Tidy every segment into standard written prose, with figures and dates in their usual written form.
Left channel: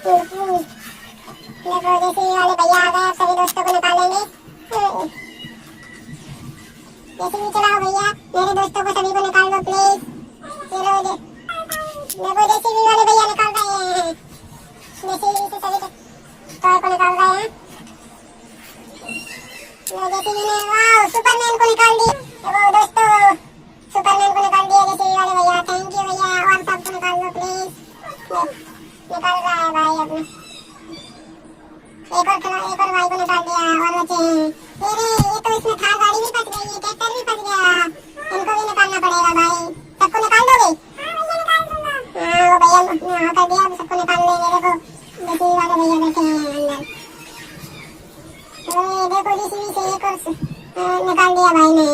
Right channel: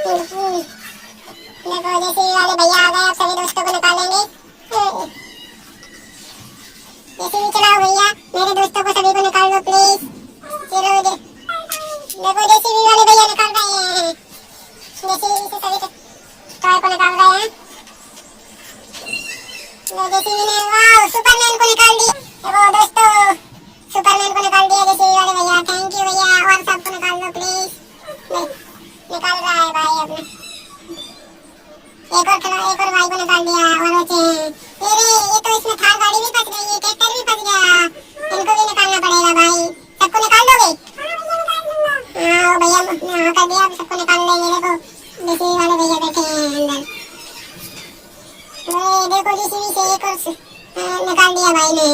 देखो जेसीबी वाले भैया आ गए, अब सभी दोस्तों को निकालेंगे। जेसीबी चलाओ भैया, मेरे दोस्तों को सभी को निकाल दो प्लीज। चलो देखो जेसीबी वाले भैया निकाल रहे हैं, जेसीबी से सभी टॉय को निकाल रहे हैं। जेसीबी ने वाह सुपरमैन को निकाल दिया। देखो दोस्तों सुपरमैन को निकाल दिया जेसीबी वाले भैया, थैंक यू भैया, और सबको निकाल दो प्लीज। निकाल रहा है भाई अपने, एक और भाई को निकाल दिया और बचे हैं। ये तो इसमें थार गाड़ी भी फंस गई है, ट्रैक्टर भी फंस गया, इनको भी निकालना पड़ेगा भाई। सबको निकाल दोगे? हाँ भैया हाँ कर दिया, सबको निकाल लेंगे। देखो जेसीबी वाले भैया बैठे हैं अंदर। देखो जेसीबी से एक और निकाल दिया भाई ने।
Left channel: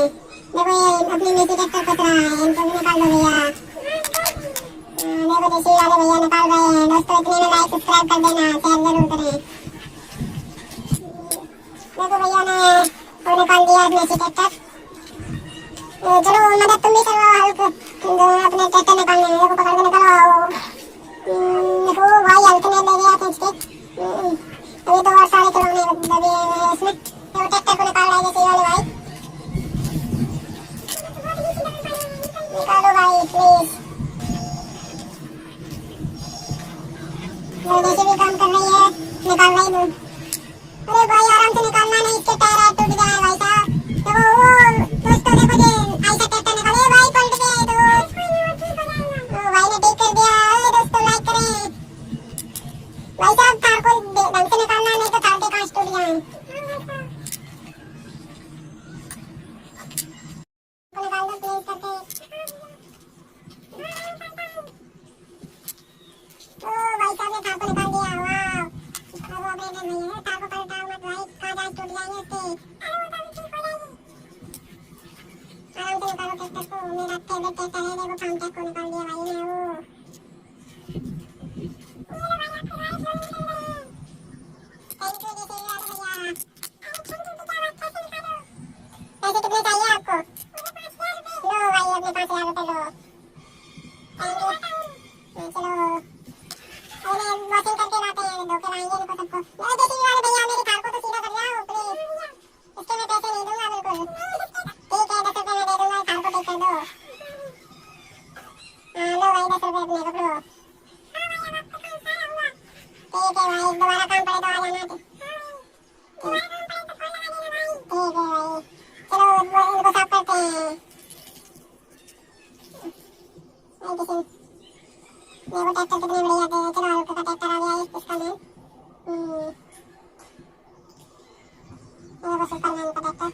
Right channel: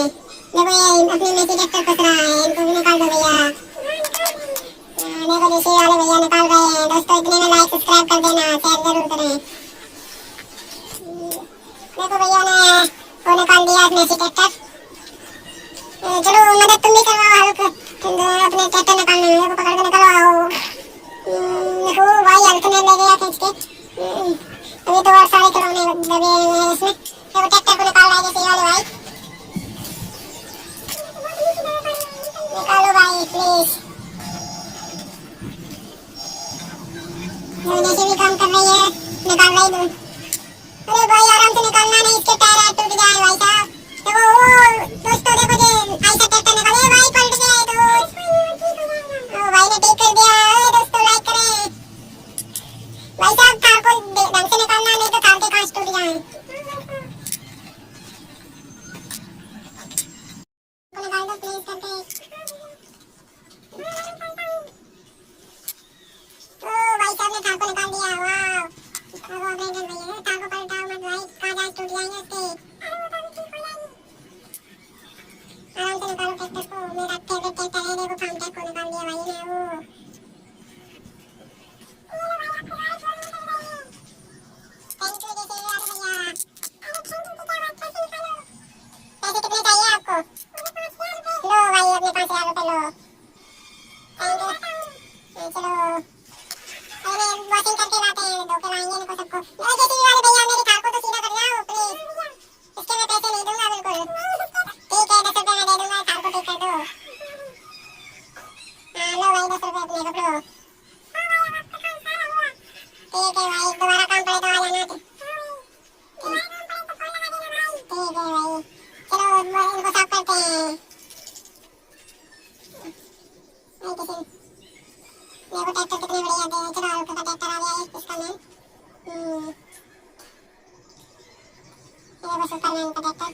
देखो ये अपने में से ट्रैक्टर फंस रहा है, इनको भी निकाल दो भैया। देखो जेसीबी वाले भैया निकाल रहे हैं। दोस्तों इतने में लाइक सब्सक्राइब कर देना, शेयर जरूर करें। देखो भैया ने वो निकाल दिया अपने से ट्रैक्टर। चलो मदद तुम भी करवाओ हल्क अपने ट्रैक्टर निकालने में, देखो पकड़ के निकलवाओ। देखो भाई हल्क ने ले गया खींच के। अभी तो और सारे खिलौने दबे हुए हैं इसमें। देखो ट्रैक्टर को निकाल रहा है जेसीबी वाले भाई, निकालो भाई प्लीज। जेसीबी काम कर रही है, निकाल रही दूर। अरे भाई आराम से निकालना, नहीं इसके टायर टूट जाए भाई साहब। देखो दोस्तों देखो जे ऐसा ट्रैक्टर निकाले भाई, पलट गया तो भाई ने ठीक कर दिया। दोस्तों लाइक करें भाई साहब, कार को ढंग से निकालना, नहीं तो कार के कांच टूट जाए। निकाल दो प्लीज करके। तो भाई साहब ने कार को निकाल दिया, वाह। अब अब्रेंडन भैया कार को पलटाओ मत भाई, कांच टूट जाएंगे उसके। आराम से निकालो ट्रैक्टर को, मेरा फेवरेट ट्रैक्टर है। देखो फार्म ट्रैक को निकाल दिया भाई ने। वो थैंक यू जेसीबी वाले भैया। पैसे कितने चाहिए आपको? लो भाई अपने 5000 रुपए लो, थैंक यू। चलो अरे वॉशिंग करके लाते हैं, धो के लाएंगे इनको सबको। जेसीबी वाले भैया मेरी कार को तो सीधा कर जाओ प्लीज, इसके मैं पैसे नहीं दूंगा बिल्कुल। ठीक है 10 रुपए मैं दे दूंगा, कार को ठीक कर दो। हाँ लो भाई 10 रुपए अपने रख लो। ठीक है भाई, दोबारा काम पड़े तो आ जाना। ठीक है भाई, चलो इनको साफ करते हैं। देखो ट्रैक्टर कितने बढ़िया थे। चलो हल्का का ट्रैक्टर आ गया इसका नाम। देखो सुपरमैन का ट्रैक्टर।